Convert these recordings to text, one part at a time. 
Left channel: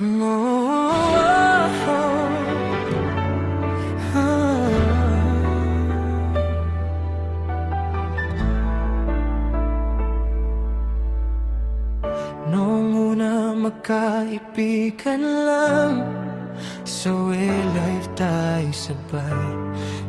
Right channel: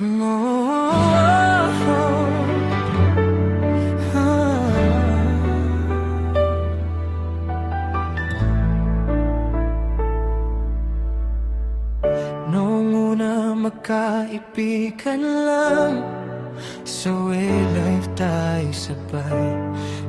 Noong una magkaibigan lang, sa life tayo sabay.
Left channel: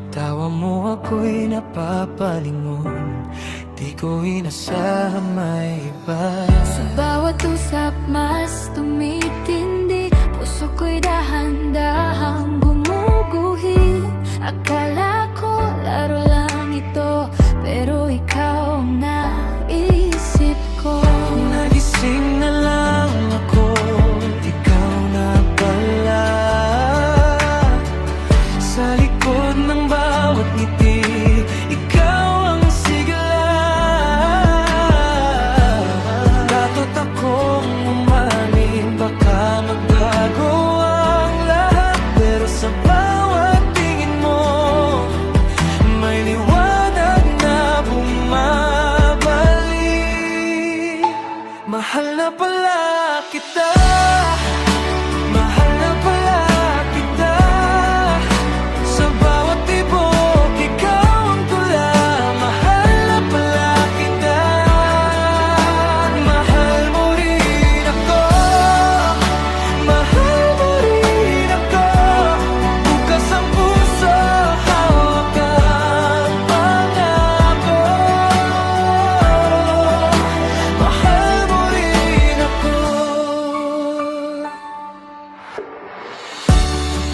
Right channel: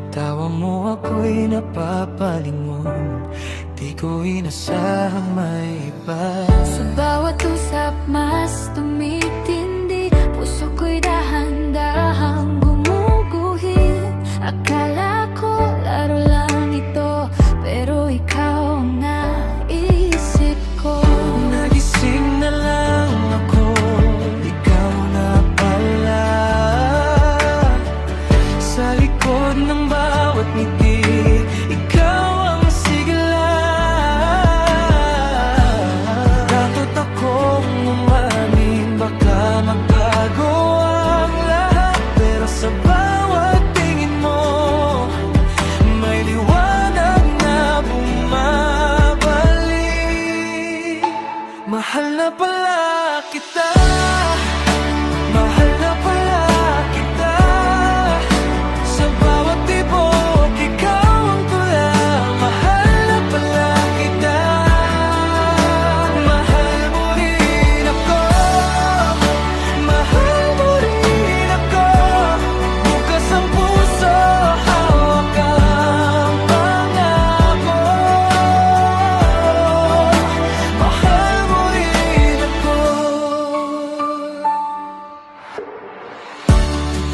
Tawa mo ako'y napapalingon, di ko inasahang may iba. Sa bawat usap mas tumitindi, puso ko'y dahan-dahang gumuguhit. Akala ko laro lang ito, pero ikaw ang naisip ko. Nagising na lang ako, ikaw na pala. Sa likod ng bawat ngiti, ikaw ang sigla. Datot akong umamin, baka magbago ang lahat, pero sa bawat tingin mo, may liwanag na bumabalik. Mahal na pala kita, mahal na pala kita. Sa bawat tibok, ikaw ang tula. Mahal na pala kita, mahal mo rin ako, mahal mo rin ako. Bukas ang puso, hawak ang pangako. Mahal mo rin ako.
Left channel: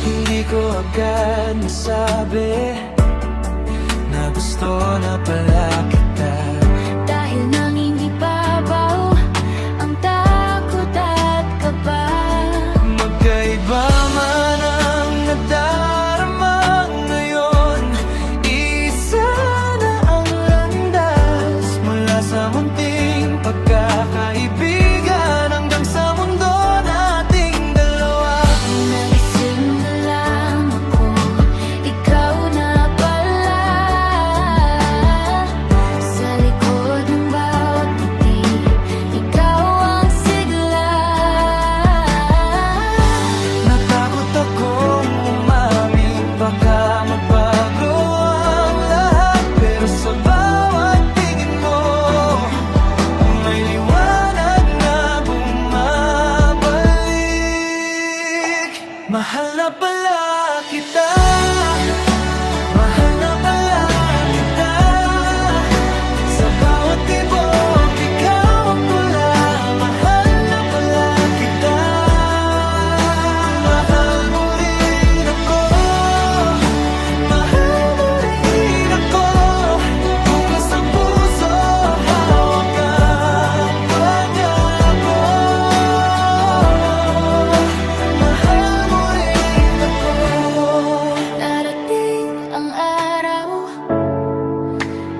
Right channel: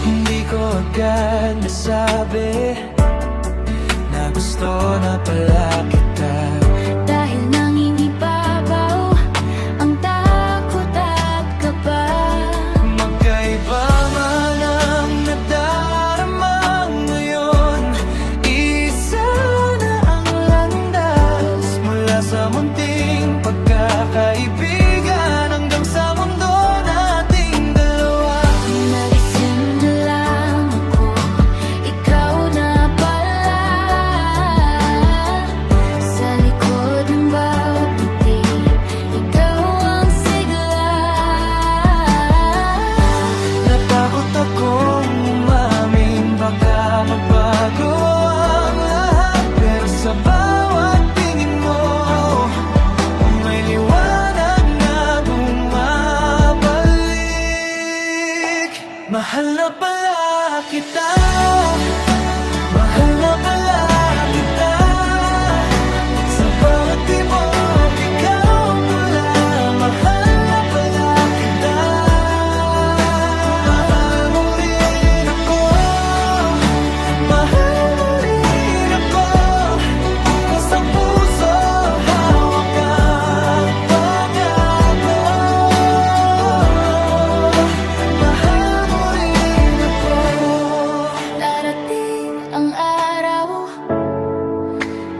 Hindi ko agad nasabi na gusto na pala kita, Dahil nangingibabaw ang takot at kaba. magkaiba man ang nadarama ngayon. Isa na ang landas, mula sa munting pagkakaibigan hanggang sa mundo nating dalawa. Nagising na lang ako, ikaw na pala. Sa likod ng bawat ngiti, ikaw ang sigla. Natakot akong umamin, baka magbago ang lahat, pero sa bawat tingin mo, may liwanag na bumabalik. Mahal na pala kita, mahal na pala kita. Sa bawat tibok, ikaw ang tula. Mahal na pala kita, mahal mo rin ako, mahal mo rin ako. Bukas ang puso, hawak ang pangako. Mahal mo rin ako. Darating ang araw,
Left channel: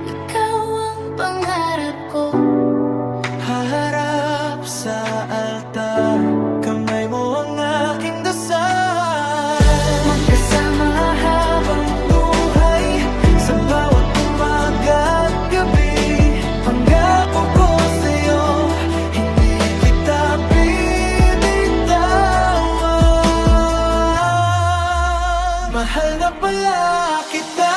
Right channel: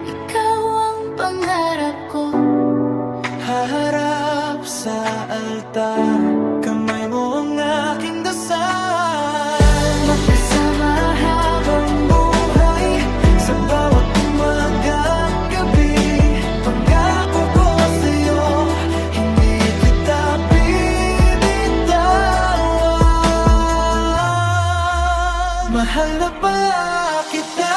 ikaw ang pangarap ko. Haharap sa altar, kamay mo ang aking dasal. Magkasama Habang buhay, sa bawat umaga at gabi, pangako ko sa'yo, hindi kita bibitawan. Mahal na pala kita.